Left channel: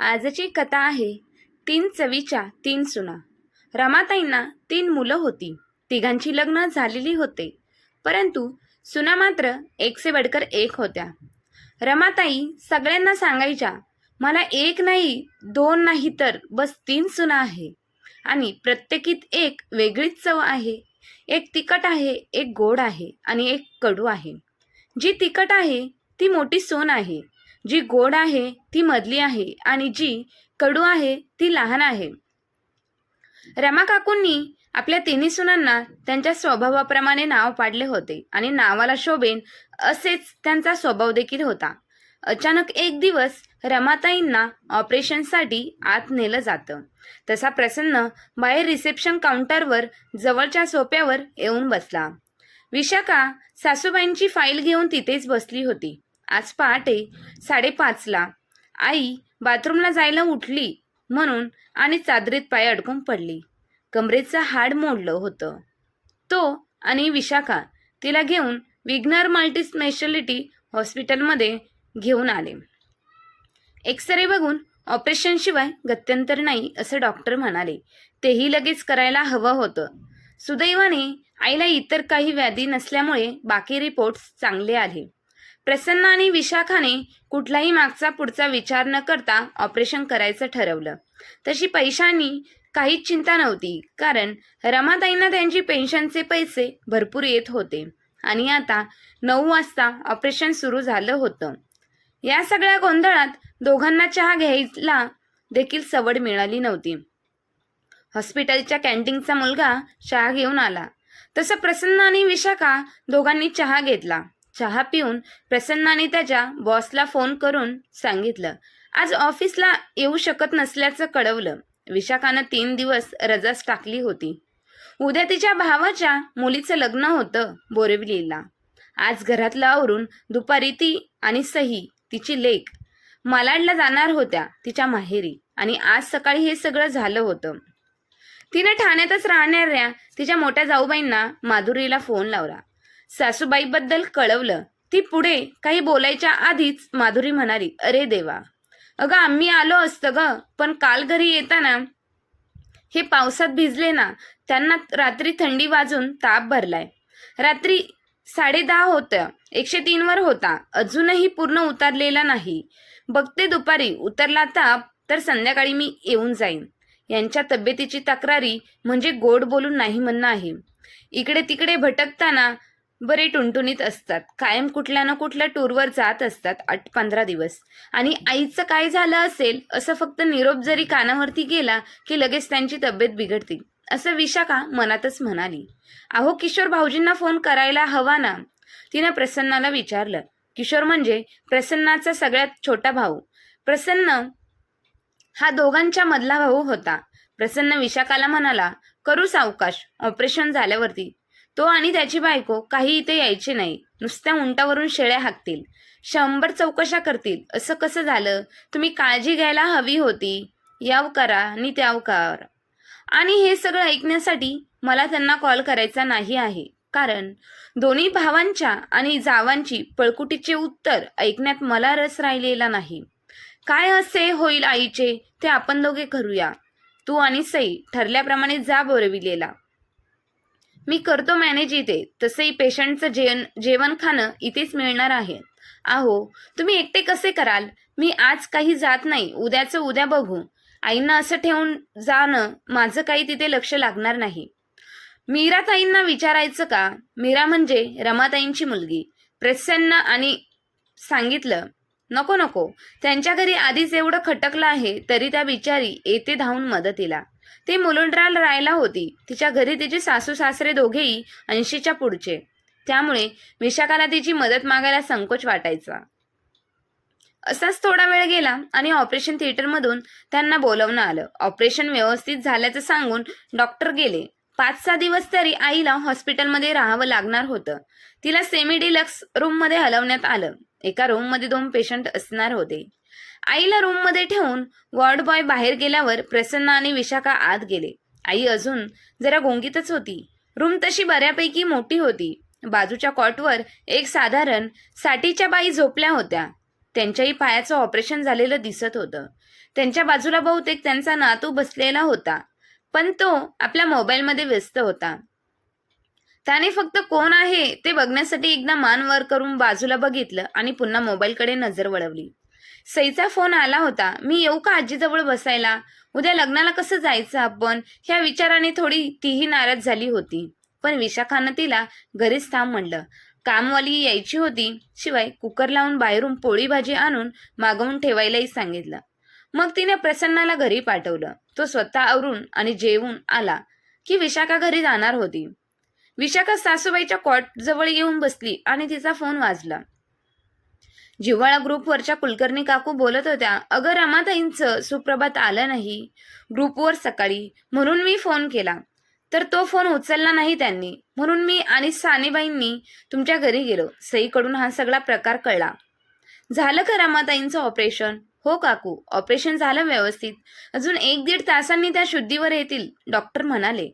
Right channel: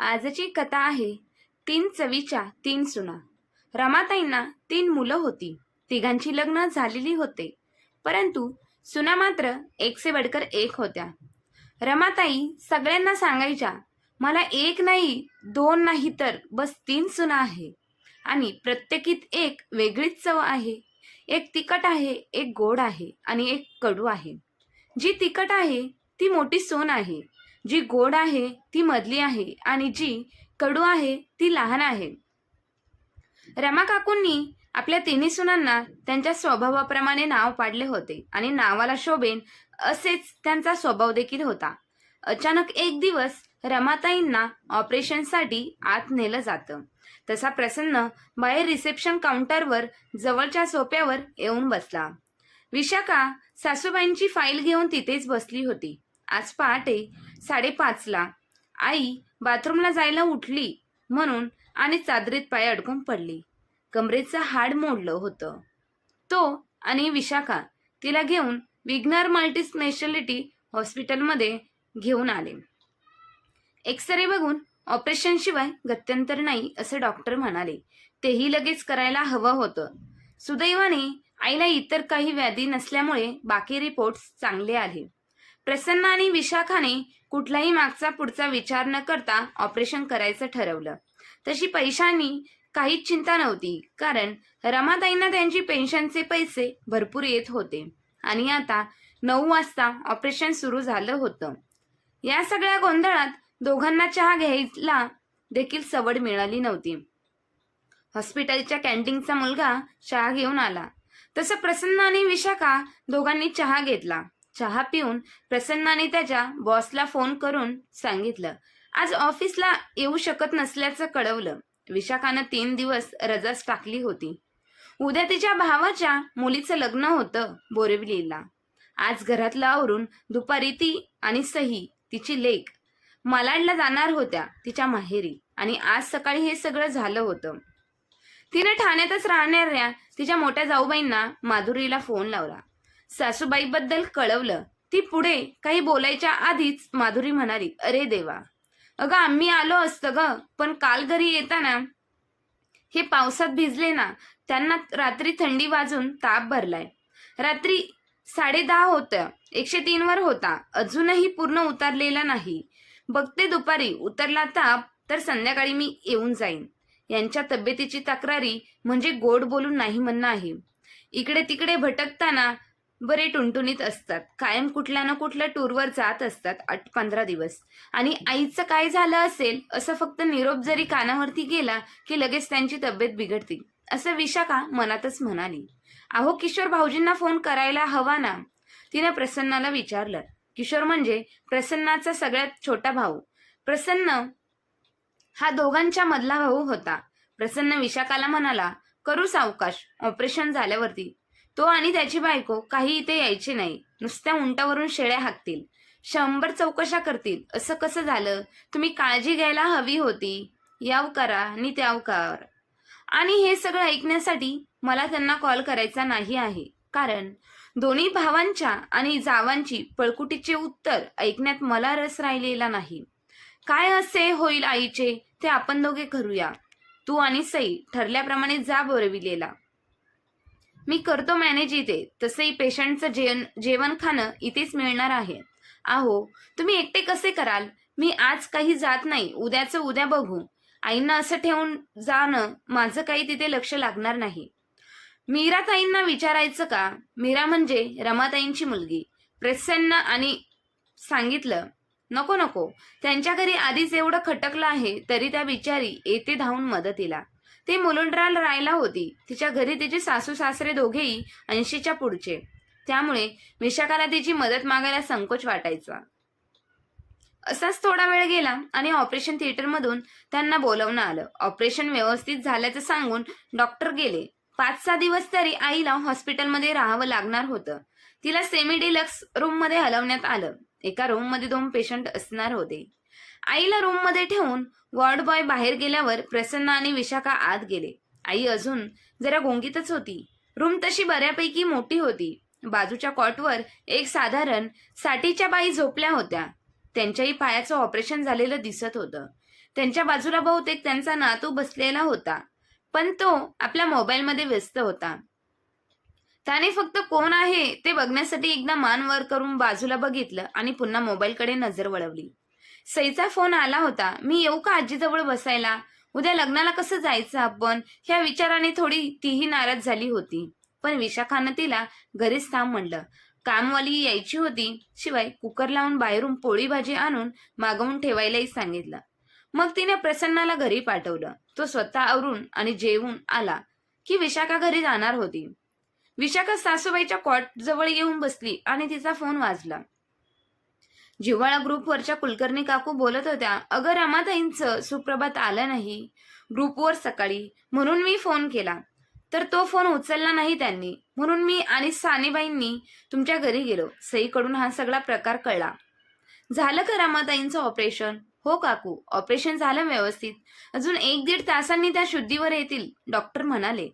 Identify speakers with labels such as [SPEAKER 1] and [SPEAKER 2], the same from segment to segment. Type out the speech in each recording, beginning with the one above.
[SPEAKER 1] आजची कथा आहे तीन चवीच्या तीन सुना. रमाताईंना तीन मुलं होती. तिघांची लग्न झालेली होते. परंतु सुना मात्र एकसे बडकर एक होत्या. रमाताई सगळ्यांना सांगायच्या मला एक नाही दोन नाही तर बस तीन सुना आहे. आणि प्रत्येकीत एक वेगळीच चव आहे. एक तिखट आहे एक गोड आहे आणि एक कडू आहे. जी तिखट आहे ती मोठी सोन आहे. जी गोड आहे ती मधली आहे आणि जी कडू आहे ती लहान आहे. रमा काकूंनी आपल्या तिन्ही सुनांना त्यांच्या स्वभावाप्रमाणे नाव पाडले होते आणि नावाला शोभेन असेच त्यांचा स्वभाव देखील होता. अचानक एक दिवस रमाताईंना ऑपरेशनसाठी आत नेलं जातं. तसा प्रसन्न बाहेर रिसेप्शन काउंटरवर जवळच्या सोप्यावर येऊन बसला. विशाखा सासूबाईंची फाईल घेऊन तिथेच बसली होती. आज पहाटे साडेपाचला आई बाथरूमला जायला उठली म्हणून आणि चादरीत पाय अडकून पडली. कमरेचं हाड मोडलं होतं. तो आणि विशाखा तिला घेऊन विग्नर मल्टी स्पेशालिटी हॉस्पिटलमध्ये घेऊन आले. एक्सरे बघून ऑपरेशनशिवाय गत्यंतर नाही असं डॉक्टर म्हणाले. तेही लगेच करायला हवं होतं. सुदैवाने आईला इतर काही व्याधी नसल्यामुळे बाकी रिपोर्ट्स चांगले आले. प्रसन्न आणि विशाखाने कुठलाही मागचा पुढचा विचार न करता ऑपरेशन करायचं ठरवलं. तशी पैशांनी काहीच चिंता नव्हती कारण रमाताईंना त्यांची पेन्शनचे पैसे भरपूर येत होते आणि आता नऊ वाजता ऑपरेशन सुरू झालं होतं. या सगळ्या गोंधळात दोघांना चहा घ्यायला देखील सवड मिळाली नव्हती. हॉस्पिटलच्या कॅन्टीनचा मुलगा चहा घेऊन आला. तसं प्रसन्न आणि विशाखा दोघांनी चहा घेतला. चहा पिऊन प्रसन्नाने त्याच्या बॉसला फोन करून सांगितलं. आज ऑफिसला येऊ शकत नसल्याचं कळवलं. विशाखानं तीन दिवस रजाच टाकली होती. उद्या तिच्या भावाच्या मुलीचं लग्न होतं बोरिवलीला. आज घरातलं आवरून दुपारी ती आणि सही तिची लेक मलाडला जाणार होत्या तिच्या माहेरी आणि आज सकाळी हे सगळं झालं होतं. तिने ठाण्यातच राहणाऱ्या तिच्या मोठ्या जाऊबाईंना माधुरीला फोन लावला. सासूबाईबद्दल कळवलं. ती पुढे काही बोलायच्या आधीच माधुरी म्हणाली अरे देवा अगं आम्ही आलो असतं ग पण काल घरी येताना हे पावसात भिजले ना त्यांना रात्री थंडी वाजून ताप भरलाय. रात्री साडे दहा होतं एकशे तीनवर होता अजूनही पूर्ण उतरलेला नाही. बघते दुपारी उतरला ताप तर संध्याकाळी मी येऊन जाईन. यांच्या तब्येतीची तक्रारी म्हणजे गोड बोलून नाही म्हणणं आहे. इकडे तिकडे भटकताना बरे टुणटुणीत असतात. कायम कुठल्या ना कुठल्या टूरवर जात असतात आठ पंधरा दिवस. आणि आईचं काय झालं असेल असं फक्त निरोप जरी कानावरती गेला की लगेच त्यांची तब्येत बिघडते. असं विशाखा मनातच म्हणाली. अहो किशोर भाऊजींना फोन करायला हवा ना. तिनं प्रसन्नाला विचारलं. किशोर म्हणजे प्रसन्नाचा सगळ्यात छोटा भाऊ. प्रसन्न हा दोघांच्या मधला भाऊ होता. प्रसन्न विशाखाला म्हणाला करू सावकाश. ऑपरेशन झाल्यावरती. तो आणि त्याची बायको काही इथे यायचे नाही. नुसत्या उंटावरून शेळ्या हाकतील. शंभर चौकशा करतील. असं कसं झालं? तुम्ही काळजी घ्यायला हवी होती. याव करा आणि त्याव कर. आणि हे सगळं ऐकण्यासाठी मला त्यांना कॉल करायचा नाही आहे. कारण दोन्ही भावांच्या आणि जावांची पळकुटीचे उत्तर ऐकण्यात मला रस राहिलेला नाही. काय असे होईल आईचे? ते आपण दोघे करूया. तू आणि सई ठरल्याप्रमाणे जा बोरविलेला. मी करतो मॅनेज इथे. तसंही पेशंटचं जेवण जेवण खाणं इथेच मिळणार आहे. आहो तुम्ही एकटे कसे कराल? मी आज काही जात नाही. उद्याचं उद्या बघू. आईंना असं ठेवून जाणं माझं काही तिथे लक्ष लागणार नाही. मीराताईंना विचारायचं का? मीरा म्हणजे रमाताईंची मुलगी. प्रसन्न आणि सांगितलं नको नको. त्यांच्या घरी आधीच एवढं खटकलं आहे तरी त्या बिचारी येते धावून मदतीला. ती मुलुंडराल राहायला होती. तिच्या घरी तिचे सासू सासरे दोघेही ऐंशीच्या पुढचे. त्यामुळे विशाखाला तिची मदत मागायला संकोच वाटायचा. असाच थोडा वेळ गेला आणि ऑपरेशन थिएटरमधून त्यांना बोलवणं आलं. ऑपरेशन व्यवस्थित झाल्याचं सांगून डॉक्टर गेले. पाच सहा दिवस तरी आईला हॉस्पिटलमध्ये राहावं लागणार होतं. तिला सेमी डिलक्स रूममध्ये हलवण्यात आलं. एका रूममध्ये दोन पेशंट असणार होते. आईला रूममध्ये ठेवून वॉर्ड बॉय बाहेर गेल्यावर प्रसन्न आणि विशाखा आत गेले. आई अजून जरा गोंगीतच होती. रूम तशी बऱ्यापैकी मोठी होती. बाजूच्या कॉटवर एक साधारण साठीच्या बाई झोपल्या होत्या. त्यांच्याही पायाचं ऑपरेशन झालेलं दिसत होतं. त्यांच्या बाजूला बहुतेक त्यांचा नातू बसलेला होता. पण तो आपल्या मोबाईलमध्ये व्यस्त होता. त्याने फक्त कोण आहे ते बघण्यासाठी एकदा मान वर करून बाजूला बघितलं आणि पुन्हा मोबाईलकडे नजर वळवली. सईचा फोन आला होता. मी येऊ का आजीजवळ बसायला? उद्या लग्नाला कसं जायचं आपण? ह्या विचाराने थोडी तीही नाराज झाली होती. पण विशाखानं तिला घरीच थांब म्हणलं कामवाली यायची होती. शिवाय कुकर लावून बाहेरून पोळी भाजी आणून मागवून ठेवायलाही सांगितलं. मग तिने प्रसन्नाला घरी पाठवलं. तो स्वतः आवरून आणि जेवून आला की विशाखा घरी जाणार होती. विशाखा सासूबाईच्या कॉट जवळ येऊन बसली आणि तिचा फोन वाजला. जिव्हाळा ग्रुपवरच्या कुलकर्णी काकू बोलत होत्या अगं रमाताईंचं सुप्रभात आलं नाही ग्रुपवर सकाळी म्हणून मी फोन केला. तर तो फोन उचलला नाही त्यांनी. म्हणून मी आणि सानेबाईंनी तुमच्या घरी गेलो. सईकडून हा सगळा प्रकार कळला. झालं का रमाताईंचं ऑपरेशन हो काकू ऑपरेशन झालं व्यवस्थित. अजून एक दीड तासांनी त्या शुद्धीवर येतील डॉक्टर म्हणाले.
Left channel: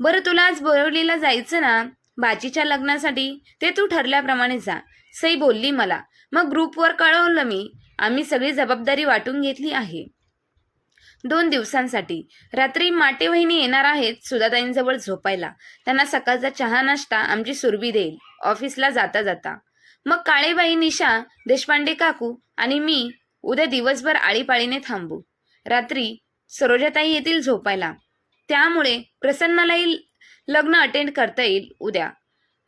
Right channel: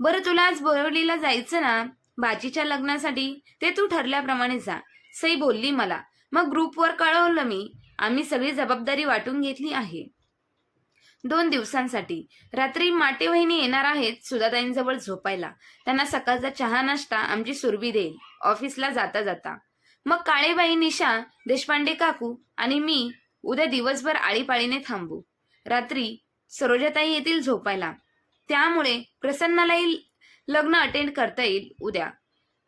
[SPEAKER 1] बरं तुला आज बोरवलीला जायचं ना? बाजीच्या लग्नासाठी? ते तू ठरल्याप्रमाणे जा. सई बोलली मला मग ग्रुपवर कळवलं मी. आम्ही सगळी जबाबदारी वाटून घेतली आहे. दोन दिवसांसाठी. रात्री माटे वहिनी येणार आहेत सुधाताईंजवळ झोपायला. त्यांना सकाळचा चहा नाश्ता आमची सुरभी देईल. ऑफिसला जाता जाता. मग काळेबाई निशा देशपांडे काकू आणि मी उद्या दिवसभर आळीपाळीने थांबू. रात्री सरोजाताई येतील झोपायला. त्यामुळे प्रसन्नालाही लग्न अटेंड करता येईल उद्या.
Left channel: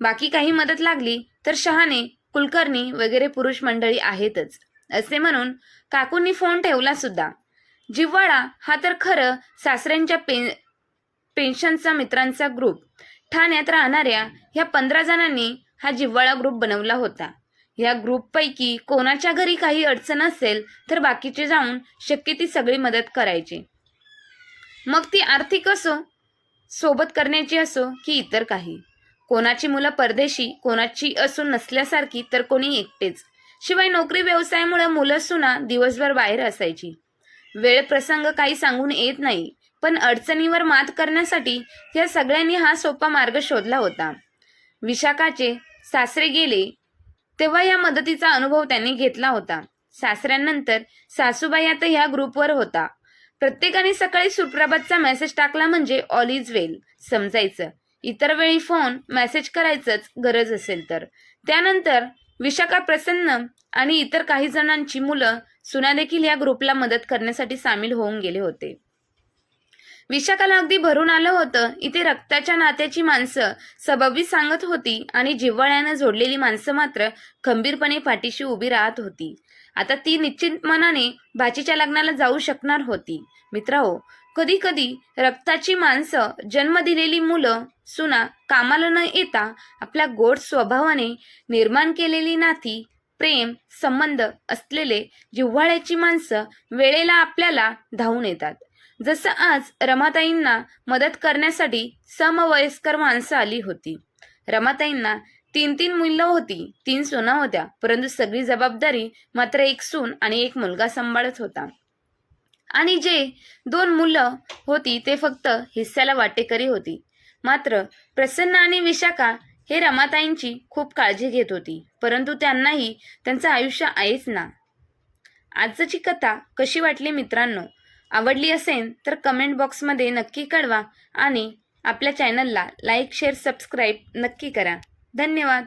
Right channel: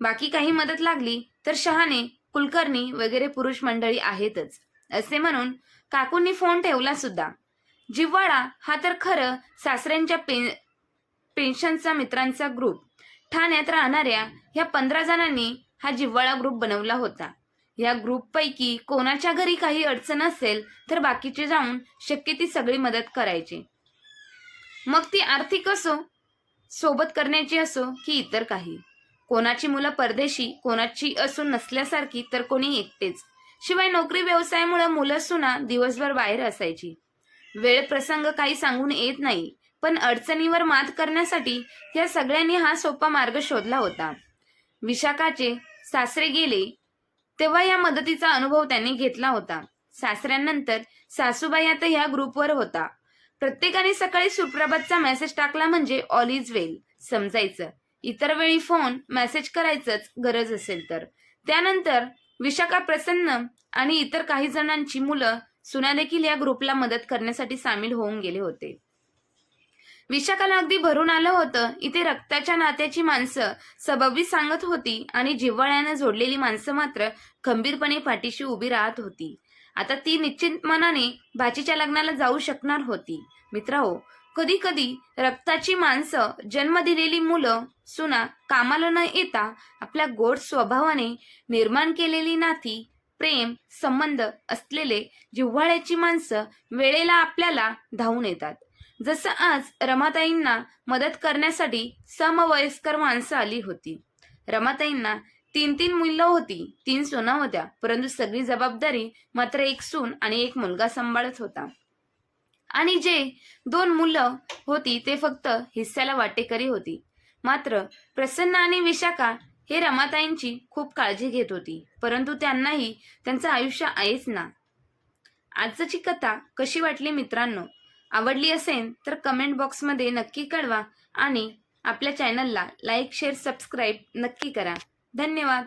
[SPEAKER 1] बाकी काही मदत लागली तर शहाने कुलकर्णी वगैरे पुरुष मंडळी आहेतच. असे म्हणून काकूंनी फोन ठेवला सुद्धा. जिव्हाळा हा तर खरं सासऱ्यांच्या पे पेन्शनचा मित्रांचा ग्रुप ठाण्यात राहणाऱ्या ह्या पंधरा जणांनी हा जिव्हाळा ग्रुप बनवला होता. या ग्रुपपैकी कोणाच्या घरी काही अडचण असेल तर बाकीचे जाऊन शक्य ती सगळी मदत करायची. मग ती आर्थिक असो सोबत करण्याची असो की इतर काही. कोणाची मुलं परदेशी कोणाची असून नसल्यासारखी तर कोणी एकटेच. शिवाय नोकरी व्यवसायामुळे मुलं सुना दिवसभर बाहेर असायची. वेळ प्रसंग काही सांगून येत नाही पण अडचणीवर मात करण्यासाठी या सगळ्यांनी हा सोपा मार्ग शोधला होता. विशाखाचे सासरे गेले तेव्हा या मदतीचा अनुभव त्यांनी घेतला होता. सासऱ्यांनंतर सासूबाई आता ह्या ग्रुपवर होता. प्रत्येकाने सकाळी सुप्रभातचा मेसेज टाकला म्हणजे ऑल इज वेल समजायचं. इतर वेळी फोन मेसेज करायचंच गरज असेल तर. त्यानंतर विशाखा प्रसन्न आणि इतर काही जणांची मुलं सुना देखील या ग्रुपला मदत करण्यासाठी सामील होऊन गेले होते. विशाखाला अगदी भरून आलं होतं. इथे रक्ताच्या नात्याची माणसं सबबी सांगत होती आणि जिव्हाळ्यानं जोडलेली माणसं मात्र खंबीरपणे पाठीशी उभी राहत होती. आता ती निश्चित मनाने बाचीच्या लग्नाला जाऊ शकणार होती. मित्रांनो कधी कधी रक्ताची माणसं जन्म दिलेली मुलं सुना कामाला न येता आपल्या गोड स्वभावाने निर्माण केलेली नाती प्रेम संबंध असलेले जिव्हाळ्याची माणसं वेळेला आपल्याला धावून येतात. जसं आज रमाताईंना मदत करण्यासाठी समवयस्कर माणसं आली होती. रमाताईंना तीन तीन मुलं होती तीन सुना होत्या परंतु सगळी जबाबदारी मात्र एक सून आणि एक मुलगा सांभाळत होता. आणि जे दोन मुलं होती ते फक्त हिस्स्याला वाटेकरी होती. मात्र प्रसन्न आणि विशाखा हे रमाताईंची खूप काळजी घेत होती परंतु त्यांनाही त्यांचं आयुष्य आहेच ना. आजची कथा कशी वाटली मित्रांनो? आवडली असेल तर कमेंट बॉक्समध्ये नक्की कळवा आणि आपल्या चॅनलला लाईक शेअर सबस्क्राईब नक्की करा. धन्यवाद.